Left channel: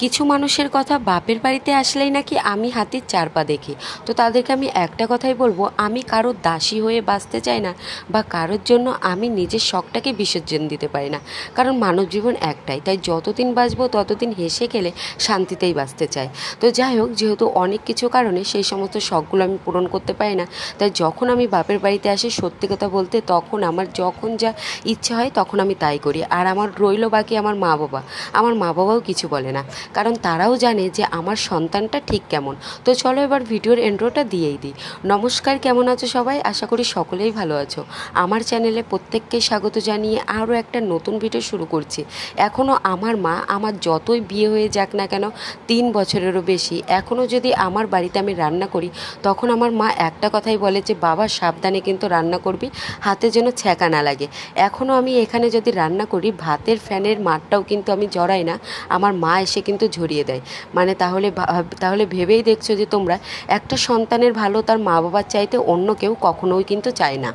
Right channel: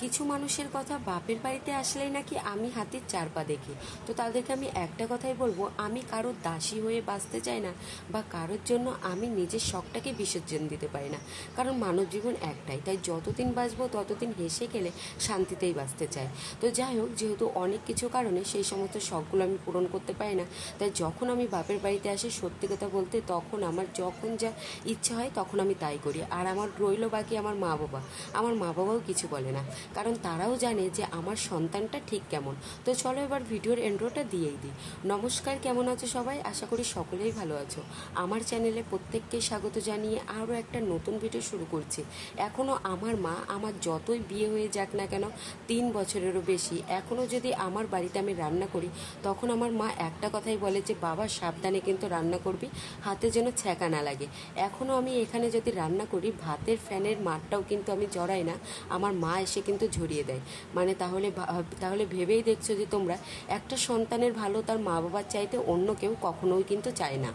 কিছু মানুষের কথা বাপের বাড়িতে আসলেই নাকি আমি হাতির চার পা দেখি। তো তাদেরকে আমি একটা কথাই বলবো, আমি কারোর দাসী হয়ে বাঁচতে চাই না, বা কারোর জন্য আমি নিজের শখটাকে বিসর্জন দিতে পারি না। কারণ মানব জীবন একটাই, তাই যতদিন বাঁচবো ততদিন হেসে খেলে শান্তিতেই বাঁচতে চাই। তো যাই হোক, যেহেতু অনেক কিছু কারণে সেই সমস্ত শখগুলো আমি পূরণ করতে পারি না, তাই যখন আমি বাপের বাড়িতে আসি, সত্যি কথা বলতে তখন আমার যখন যা ইচ্ছা হয় তখন আমি তাই করি। আর আমার রইলো বাকি আমার মা বাবা। আমার মা বাবাও কিছু বলে না, কারণ তারাও জানে যে আমার সন্তানটা ঠিক কেমন। তো চলো এবার ভিডিওর এন্ট্রোটা দিয়েই দিই। নমস্কার, কেমন আছো সবাই? আশা করি সকলেই ভালো আছো। আমার চ্যানেলে প্রত্যেককে স্বাগত জানিয়ে আরও একটা নতুন ভিডিও শুরু করছি। এখনও আমার মা, আমার যতই বিয়ে হয়ে যাক না কেন, 3 বছরেরও বেশি, এখনও যদি আমার বাড়িতে আমি রান্না করি, তখন আমার মা একটা কথাই বলে যে বাবা সাবধানে কিন্তু রান্না করবি, হাতে যেন ছ্যাঁকা না লাগে। এখনও আমি এখানে যদি রান্না করি, ভাতের ফ্যানের মাঠটাও কিন্তু আমি জড়াই না, আমার মা এসে কিন্তু ঝরিয়ে দেয়। মানে তাহলে ভেবেই দেখছো যে তোমরা, একটা সন্তানের ভালো তার মা বাবার চাইতে অন্য কেউ কখনোই কিন্তু চায় না।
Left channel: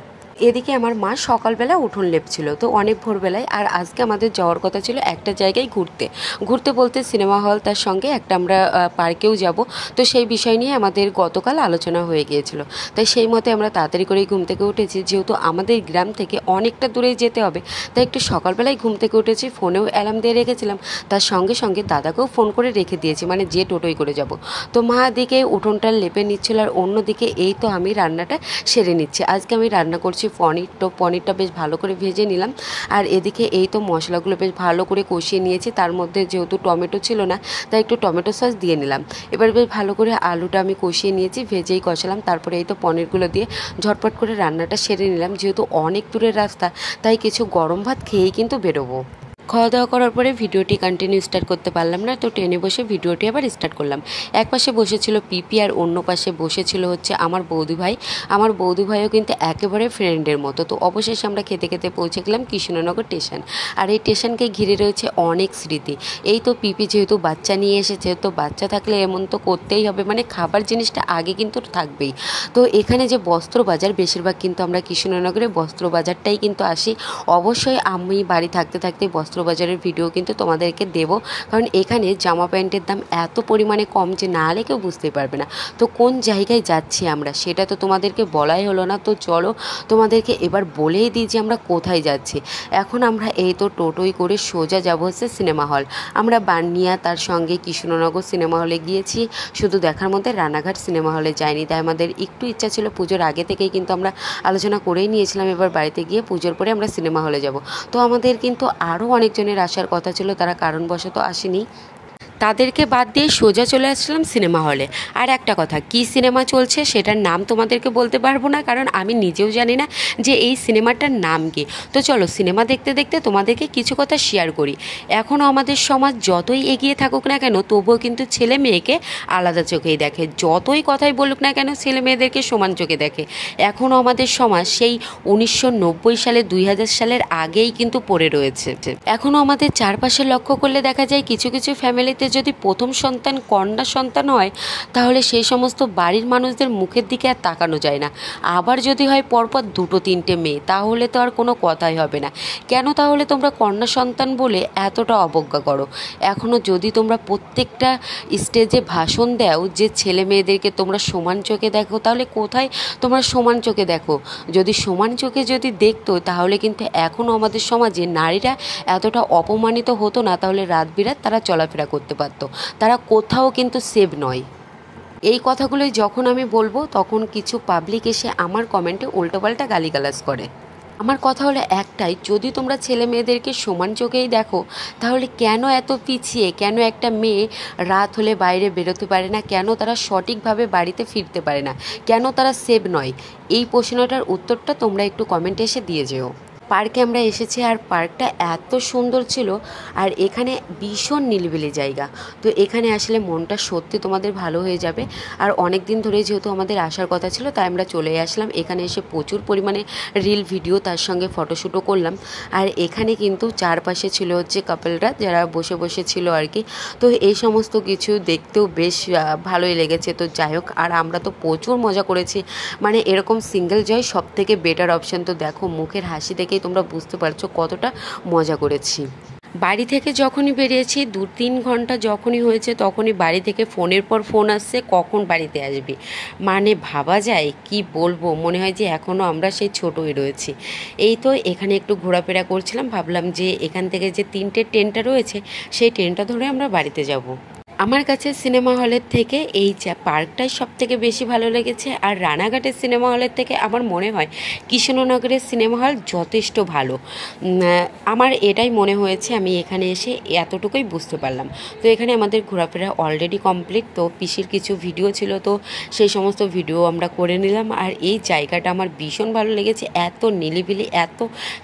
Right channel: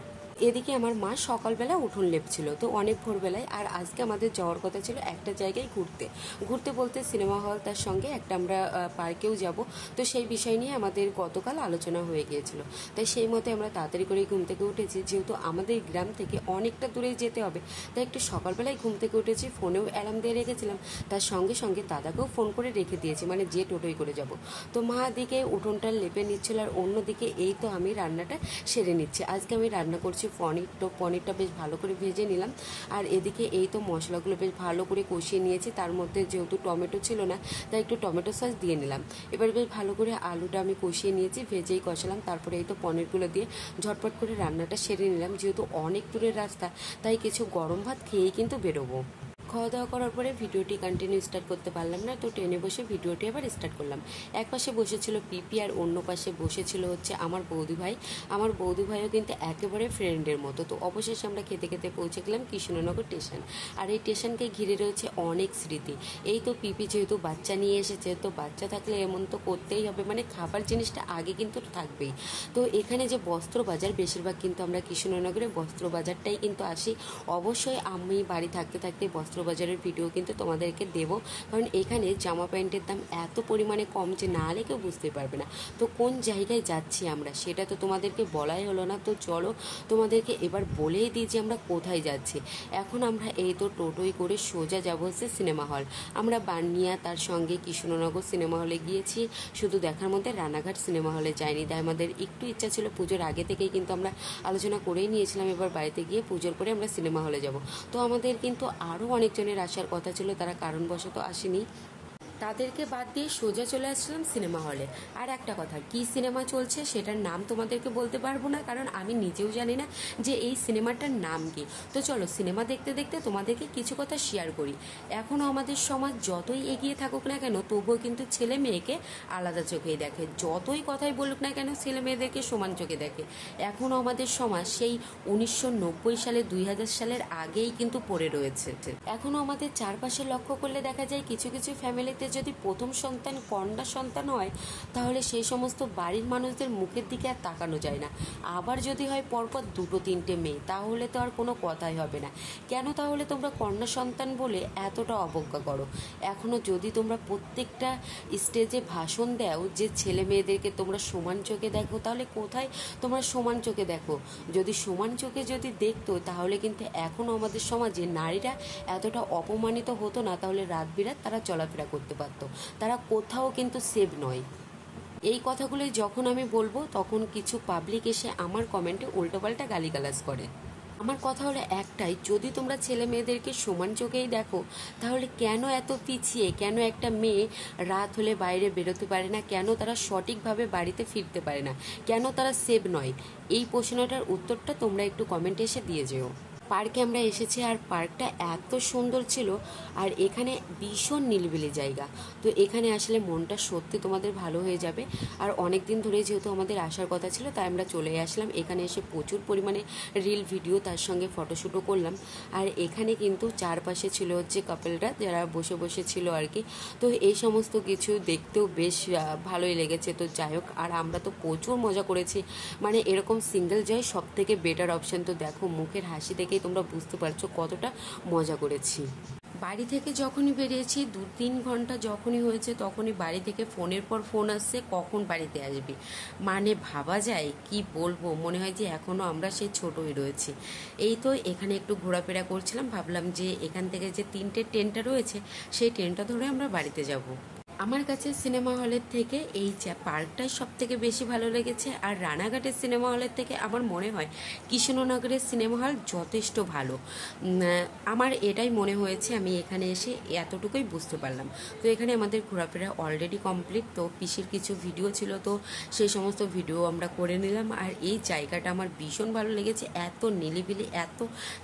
এদিকে আমার মা সকালবেলা উঠোন লেপছিল, তো অনেক ভোরবেলায়। আর আজকে আমাদের যাওয়ার কথা ছিল একটা জায়গায় ঘুরতে। ঘুরতে বলতে সিনেমা হল, তার সঙ্গে একটা আমরা পার্কেও যাব। তো সেই বিষয় নিয়ে আমাদের গতকাল আলোচনা হয়ে গিয়েছিল। তাই সেই মতে আমরা তাড়াতাড়ি করেই ঘুম থেকে উঠেছি, যেহেতু আমাদের গ্রাম থেকে অনেকটা দূরেই যেতে হবে। তাই একটু সকালবেলায় ঘুম থেকে উঠেছি, ফোনেও অ্যালার্ম দিয়ে রেখেছিলাম। তার সঙ্গে সঙ্গে দাদাকেও ফোন করে রেখে দিয়েছি, মানে যে টোটোই করে যাব। তো মা দিকে উঠোনটা লেপে নিচ্ছিল, আর অন্যদিকে এই তো আমি রান্নাটা সেরে নিচ্ছি। আজকে আমি রান্না করছি পনির। তো পনিরটা বেশ ভালো করে ভেজে নিলাম। আর এদিকে এই তো মশলাগুলো বেশ ভালো করে কষিয়ে নিয়েছি। তার মধ্যে যেহেতু টমেটো ছিল না, তাই একটু টমেটো সস দিয়ে নিলাম। এবার বেশ ভালো করে আলুটা আমি কষিয়ে নিয়েছি, ভেজেই কষালাম। তারপরে এই তো পনিরগুলো দিয়ে ঝটপট করে রান্নাটা সেরে নিলাম। যেহেতু অনেক দূরের রাস্তা, তাই কিছু গরম ভাত খেয়েই কিন্তু বেরোবো। খাওয়া দাওয়া করার পরে ভিডিওটি কন্টিনিউ স্টার্ট করতে পারলাম না, তো ট্রেনে বসে ভিডিওটি আবার স্টার্ট করলাম। এক পাশে বসেছিল পিপি, আর অন্য পাশে বসেছিল হচ্ছে আমার বৌদি ভাই। আমার বৌদি ভাইও কিন্তু একেবারে ফ্রেন্ডের মতো। তো অবশেষে আমরা খেতে খেতে পৌঁছে গেলাম কৃষ্ণনগর স্টেশন। আর এই স্টেশনকে ঘিরে রয়েছে অনেক স্মৃতি। এই তো পিপি যেহেতু বাচ্চা নিয়ে এসেছে, তো বাচ্চা থাকলে এমন তো করতেই হবে, মানে খাবার জিনিসটা আগে কিন্তু থাকবেই। তো এখানে যে বস্ত্র বাজার, বেশিরভাগ কিন্তু আমরা কৃষ্ণনগরে বস্ত্র বাজারটাই কিন্তু আসি। অবশ্যই আমি বাড়ি থাকতে থাকতে বস্ত্রবাজারের ভিডিও কিন্তু তোমাদেরকে দেবো, কারণ এখানে জামা প্যান্টের দাম এত পরিমাণে কম যে না হলে কেউ বুঝতেই পারবে না। তো কোন জায়গায় যাচ্ছি আমরা সেটা তো তোমাদেরকে বলাই হলো না। তো চলো তোমাদেরকে এবার বলেই দিই যে আমরা কোথায় যাচ্ছি। এখন আমরা এই তো টোটোই করে সোজা যাব হচ্ছে সিনেমা হল। আমরা বানিয়া তার সঙ্গে কৃষ্ণনগর সিনেমা হলে গিয়েছি, শুধু দেখার মধ্যে রানাঘাট সিনেমা হলে যাইনি। তাই আমাদের একটু ইচ্ছা ছিল, পুজোর আগে থেকেই কিন্তু আমরা আলোচনা করেই নিয়েছিলাম এবার বাড়িতে গিয়ে পুজোর পরে আমরা সিনেমা হলে যাব। তো আমাদের কিন্তু আরও অনেকজনের আসার কথা ছিল, তারা কারণবশত আসেনি। তাদেরকে বাদ দিয়ে সোজা চলে আসলাম সিনেমা হলে। আর একটা কথা, কি সিনেমা চলছে সেটার নাম তোমাদেরকে বলতে পারবো না, কারণ আমি নিজেও জানি না যে এই সিনেমাটার নাম কি। তো চলো সিনেমা দেখতে দেখতে তোমাদেরকে কিছু কথা শেয়ার করি। এখনও আমাদের সমাজ যতই এগিয়ে থাকুক না কেন, তবুও কিন্তু ছেলে মেয়েকে আলাদা চোখেই দেখে। যতই কথাই বলুক না কেন, ছেলে মেয়েদেরকে সমান চোখে দেখে। এখনও আমাদের সমাজ সেই 1990 সালে 2000 সালের আগেই কিন্তু পড়ে রয়েছে। এখনও আমাদের চারপাশে লক্ষ্য করলে দেখা যায় কিছু কিছু ফ্যামিলিতে যদি প্রথম সন্তান কন্যা সন্তান হয়, তাহলে সেই সমস্ত বাড়ির মানুষদের মুখের দিকে আর তাকানো যায় না। আবার যদি হয় পরপর 2-3টে মেয়ে, তাহলে তো আর কোনো কথাই হবে না। কেন তাহলে তোমরা কন্যা সন্তান বলে এতটা অবজ্ঞা করো? এখনও যদি তোমরা প্রত্যেকটা স্টেজে ভাষণ দাও যে ছেলে মেয়েদেরকে তোমরা সমান চোখে দেখো, তাহলে কোথায় তোমরা সমান চোখে দেখো? যদি সমান চোখে যদি দেখতো, তাহলে কিন্তু এখনও আমাদের সমাজে নারীরা এতটা অপমানিত হতো না। তাহলে রাত বিরাত তারা চলাফেরা করতে পারতো, তারা কোথাও কিন্তু সেভ নয়। এই কথাগুলোই যখন আমি বলবো, তখন কিছু পাবলিক এসে আমার কমেন্টে উল্টোপাল্টা গালিগালাজ করে। আমার কথা হলো একটাই, যদি তোমরা ছেলে মেয়েদেরকে সমান চোখেই দেখো, তাহলে কেন এত পিছিয়ে? কেন একটা মেয়ে রাত হলে বাইরে বেরোতে পারে না? কেন তারা সঠিকভাবে বাড়িতে ফিরতে পারে না? কেন তারা সেভ নয়? এই প্রশ্নটার উত্তরটা তোমরা একটু কমেন্টে এসে দিয়ে যেও। পার্কে আমরা এসেছি, আর পার্কটা এত সুন্দর ছিল, আর এখানে ভীষণ নিরিবিলি জায়গা। তো এখানে আসলে মনটা সত্যি তোমাদের ভালো হয়ে যাবে। আর অনেক দিন ধরে যেহেতু আমাদের আসার কথা ছিল, তাই আমরা চলে আসলাম। এখানে এসে প্রচুর পরিমাণে রিল ভিডিও, তার সঙ্গে ফটোশ্যুটও করলাম। আর এখানে কিন্তু চারপাশে ছিল হচ্ছে কাপলরা, যারা বসে বসে ছিল আর কি। তো এই সমস্ত কিছু দেখতেও বেশ ভালোই লেগেছে। তো যাই হোক, আর আমরা তো প্রচুর মজা করেছি। মানে এরকম সিঙ্গেল জয় সব থেকে বেটার অপশান। তো দেখো মুখের হাসি দেখেই তোমরা বুঝতে পারছো কতটা মজা করেছি। বাড়ি থেকে যখনই বেরিয়েছি 2-3 ঘন্টা যখনই হয়েছে তখনই বাড়ি থেকে ফোনের পর ফোন আসছে কখন বাড়িতে আসবি। মানে ভাবা যায় কি বলবো, মনে হয় যে এখনও আমরা সেই ছোটোই রয়েছি। এই তো এখানে একটু ঘোরাফেরা করছিলাম, ভাবলাম যে এখান থেকে যে 3টে ট্রেনটা রয়েছে সেই ট্রেনটা ধরে আমরা বাড়িতে যাব। আমার কাছে সিনেমা হলের থেকে এই পার্কটাই সব থেকে বেশি ভালো লেগেছে। আর রানাঘাটের সিনেমা হলের থেকে আমার মনে হয় কৃষ্ণনগরের সিনেমা হল যথেষ্ট ভালো। আমার এটাই মনে হয়েছে, আমি এখানে এসে এতটুকুই বুঝতে পারলাম। তো এখানে আমাদের ঘোরাফেরা অলরেডি কমপ্লিট। তো পিসির কিছু ভিডিও ছিল, তো সেই সমস্ত ভিডিও আমরা করে নিলাম। আর এই জায়গাটা আমার ভীষণ ভালো লেগেছে, এত নিলিবিলি, এত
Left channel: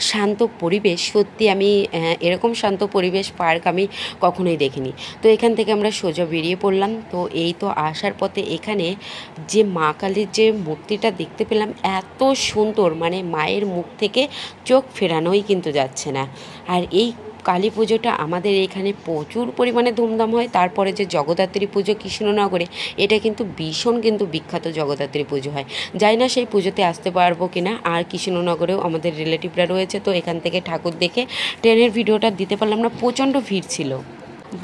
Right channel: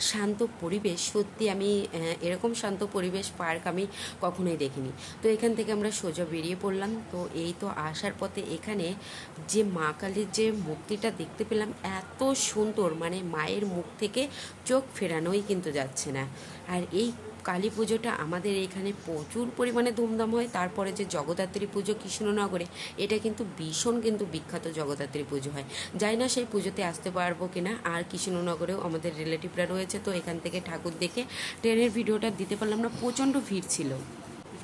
শান্ত পরিবেশ। সত্যি আমি এরকম শান্ত পরিবেশ পার্ক আমি কখনোই দেখিনি। তো এখান থেকে আমরা সোজা বেরিয়ে পড়লাম। তো এই তো আসার পথে এখানে যে মা কালীর যে মূর্তিটা দেখতে পেলাম, এত সুন্দর, মানে মায়ের মুখ থেকে চোখ ফেরানোই কিন্তু যাচ্ছে না। আর এই কালী পুজোটা আমাদের এখানে প্রচুর পরিমাণে ধুমধাম হয়। তারপরে যে জগদ্ধাত্রী পুজো কৃষ্ণনগরে, এটা কিন্তু ভীষণ কিন্তু বিখ্যাত জগদ্ধাত্রী পুজো হয়। জানি না সেই পুজোতে আসতে পারবো কিনা। আর কৃষ্ণনগরেও আমাদের রিলেটিভরা রয়েছে, তো এখান থেকে ঠাকুর দেখে ট্রেনের ভিডিওটা দিতে পারলাম না, প্রচণ্ড ভিড় ছিল।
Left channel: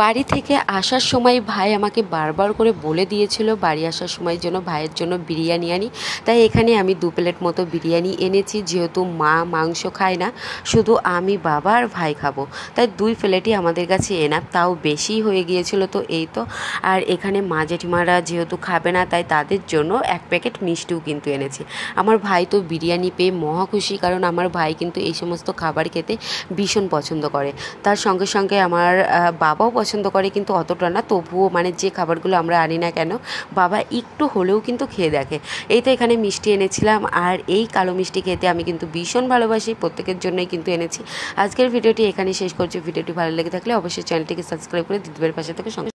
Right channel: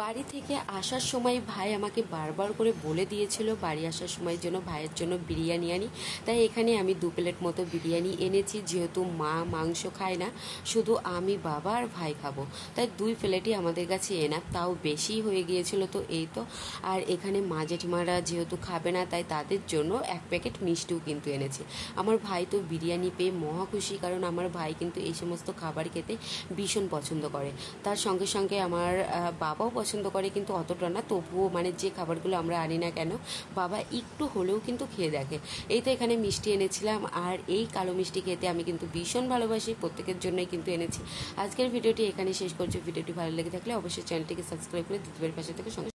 বাড়ি থেকে আসার সময় ভাই আমাকে বারবার করে বলে দিয়েছিল বাড়ি আসার সময় যেন ভাইয়ের জন্য বিরিয়ানি আনি। তাই এখানে আমি 2 প্লেট মতো বিরিয়ানি এনেছি, যেহেতু মা মাংস খায় না, শুধু আমি, বাবা আর ভাই খাবো। তাই 2 প্লেটই আমাদের কাছে এনাফ, তাও বেশি হয়ে গিয়েছিল। তো এই তো, আর এখানে মা জেঠিমারা যেহেতু খাবে না, তাই তাদের জন্য 1 প্যাকেট মিষ্টিও কিন্তু এনেছি। আমার ভাই তো বিরিয়ানি পেয়ে মহা খুশি, কারণ আমার ভাই কিন্তু এই সমস্ত খাবার খেতে ভীষণ পছন্দ করে। তার সঙ্গে সঙ্গে আমার বাবাও পছন্দ করে, কিন্তু অতটা না। তবুও মানে যে খাবারগুলো আমরা আনি না কেন, বাবা একটু হলেও কিন্তু খেয়ে দেখে। এই তো এখানে মিষ্টি এনেছিলাম, আর এই কালো মিষ্টি খেতে আমি কিন্তু ভীষণ ভালোবাসি, প্রত্যেকের জন্যই কিন্তু এনেছি। আজকের ভিডিওটি এখানেই শেষ করছি। ভিডিওটি ভালো লেগে থাকলে অবশ্যই চ্যানেলটিকে সাবস্ক্রাইব করে দিদিভাইয়ের পাশে থেকে সঙ্গে